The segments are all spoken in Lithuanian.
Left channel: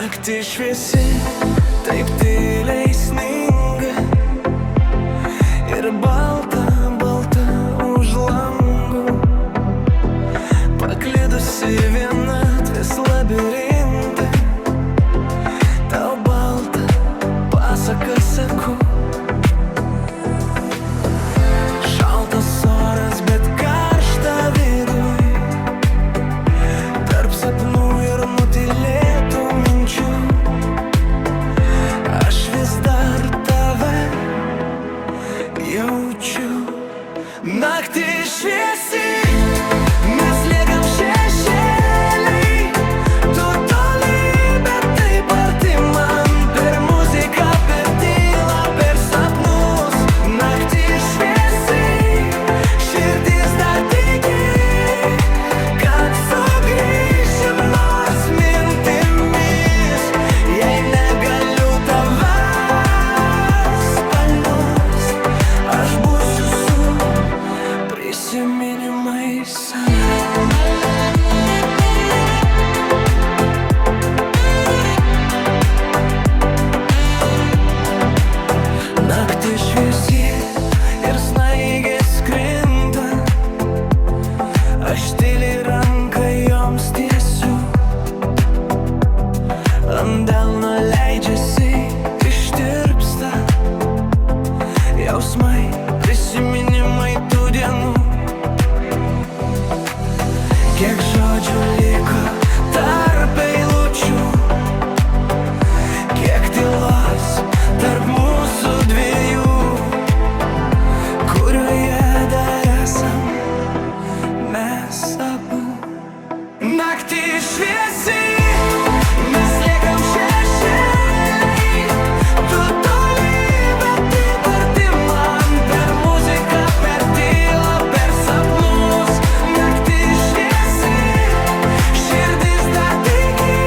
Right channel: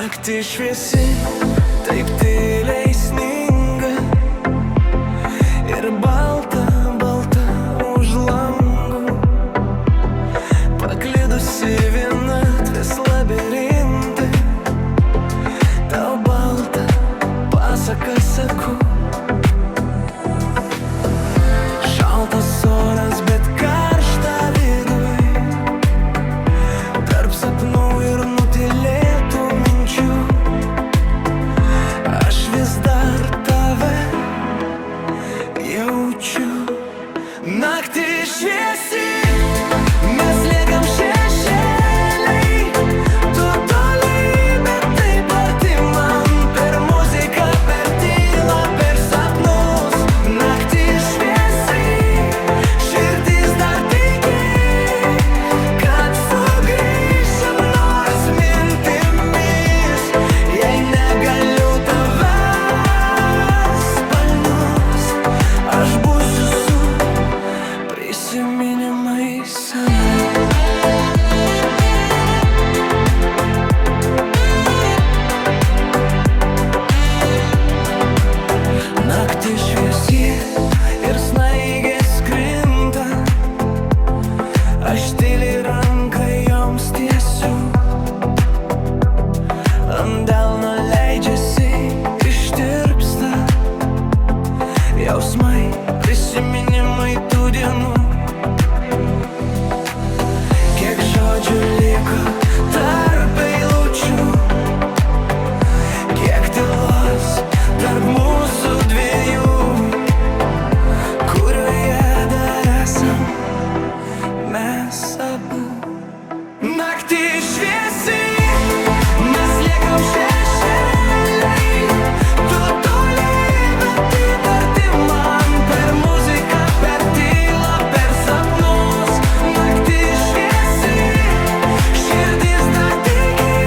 Naktis šviesi, taip tyliai sninga, ir balta, balta už langų, paklydusi vienatvės labirinte. Tau balta pasaką sakau, šaltas oras, bet karšta viduj, tarp sapnų ir nutylėtų minčių. Aš vis dar tave jaučiu. Naktis šviesi, mes liekam šešėliai, tu toli, bet taip arti man, per muziką, per tylą, per sapnus. Naktis šviesi, širdis dar tiki, kad sugrįšim nors mintimis. Jei negaliu tavęs palnust, aš būsiu su prisiminimais senais. Naktis šviesi ir snaigės krinta, aš tyliai ranką joms tiesiu. Ant delno leidžiasi, ištirpsta jausmai, prisiminimai tų dienų. Kiek žodžių liko tarp eilučių, kiek tylos tarp mūsų dviejų, kurioje dar esam mes abu. Naktis šviesi, mes liekam šešėliai, tu toli, bet taip arti man, per muziką, per tylą, per sapnus. Naktis šviesi, širdis dar tiki,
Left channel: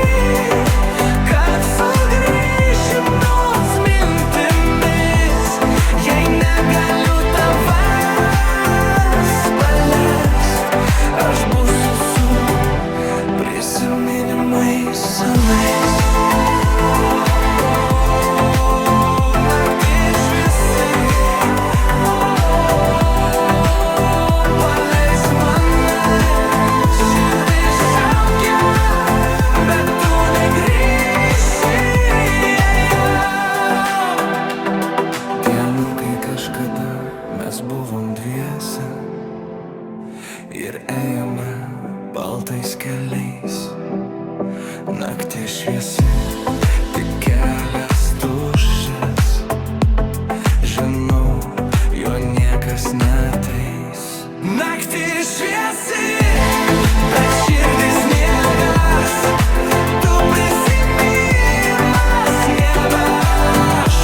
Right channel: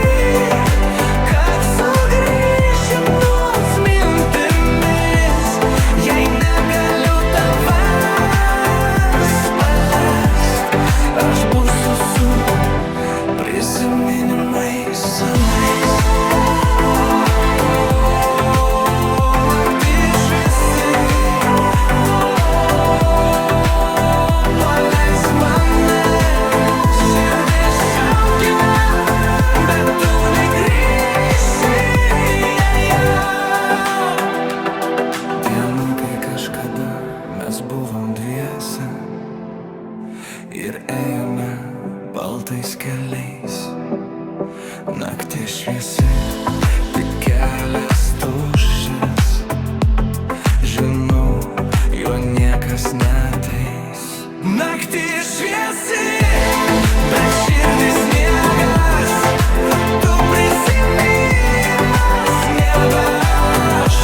kad sugrįšim nors mintimis. Jei negaliu tavęs paleist, aš būsiu su prisiminimais senais. Naktis šviesi, paleisk mane, širdis šaukia, bet tu negrįši. Dienų, kai kažkada mes buvom dviese ir ėjome baltais keliais. Naktis šviesi, tik kelias tuščias, žinau, juo niekas neateis. Naktis šviesi, bet širdis sniegas, tu prisiminimas nebe aš.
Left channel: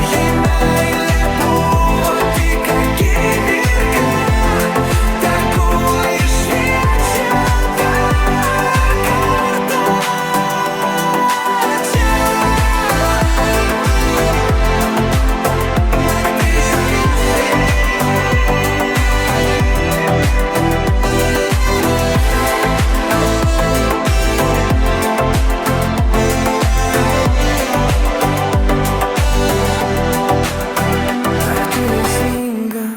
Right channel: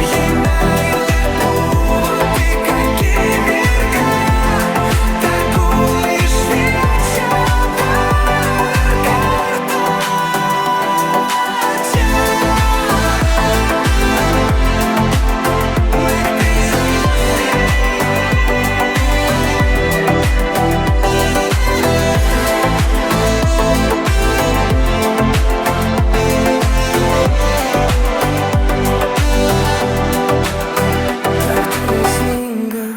Jei meilė buvo tik akimirka, tegul ji šviečia dar kartą čia. Naktis šviesi, tak tyliai sninga,